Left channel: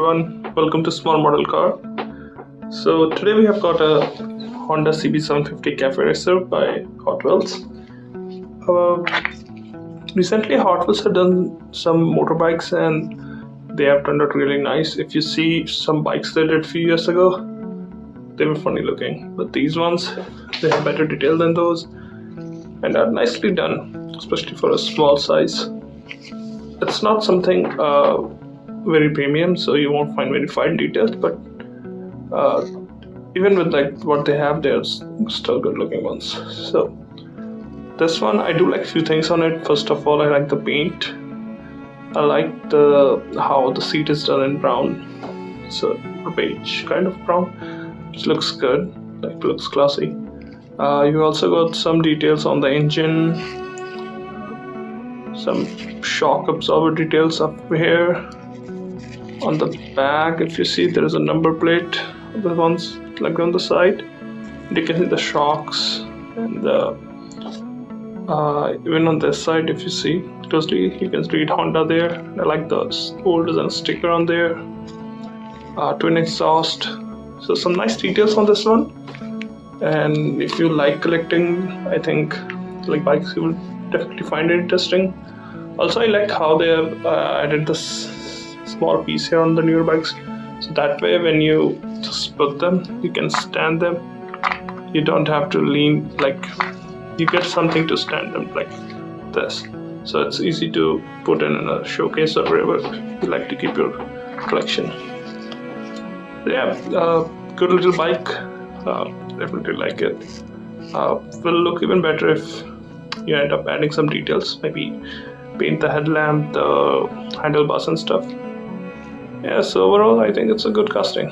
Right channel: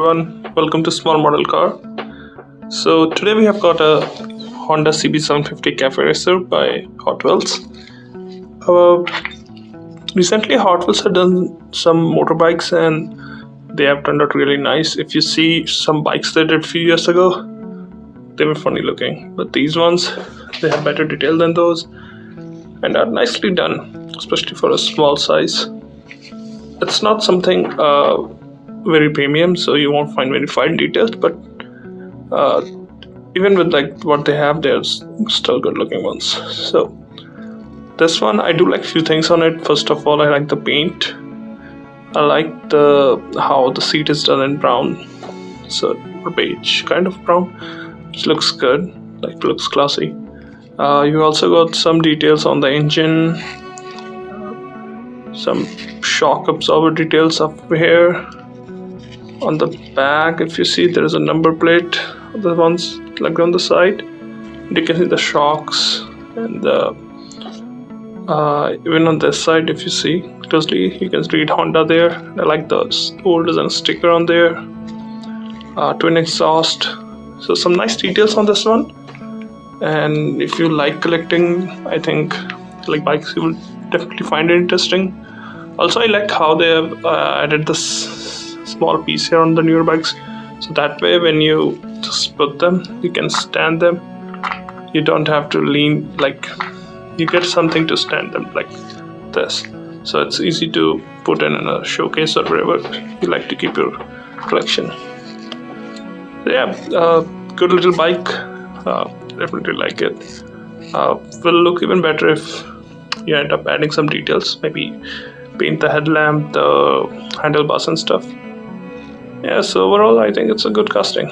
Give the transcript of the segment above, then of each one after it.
everyone, welcome to Small Model Car. So today we have got a Honda CB750 CAFE racer by Hotwheels. Recently Hotwheels had done some motorbikes and they have turned out really nice. If you see some bikes they did a few years ago, they were funny looking, but these ones, they have better detail than those and are nicely done, especially for a small size. It's not something very premium, so you won't find very fine details, but even with like what they have, there's still good looking ones. So this one, I do like few things on it. First of all, I like the paint. I like how the seat is done in brown, so beige kind of brown, which looks good, like looks classy. You also got some details on the engine, some shock absorber details up here. On the back, if you see, there is a number plate, the ones like on the side. You can see the shocks, and even on this side, if you see closely, you can read Honda there. I like the old design sticker on there. Twin exhaust, so some nice details on this one. And if you like collecting, I think like bikes, you will definitely find it interesting. Also, I like how they have added this small piece here on the newer bikes, so that way when you just put them, you can stand them. You don't have to lean, like you get something to stand them like this, so it's easy to put in a showcase or wherever you like to keep your collection. So yeah, good little bike. Definitely like it. Will look even better if you end up adding some details, maybe paint the headlamp, the handlebars and stuff. Yeah, so overall I think it's a good casting.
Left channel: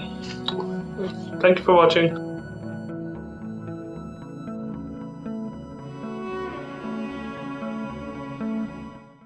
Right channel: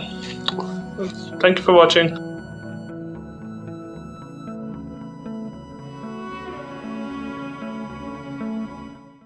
Thank you for watching.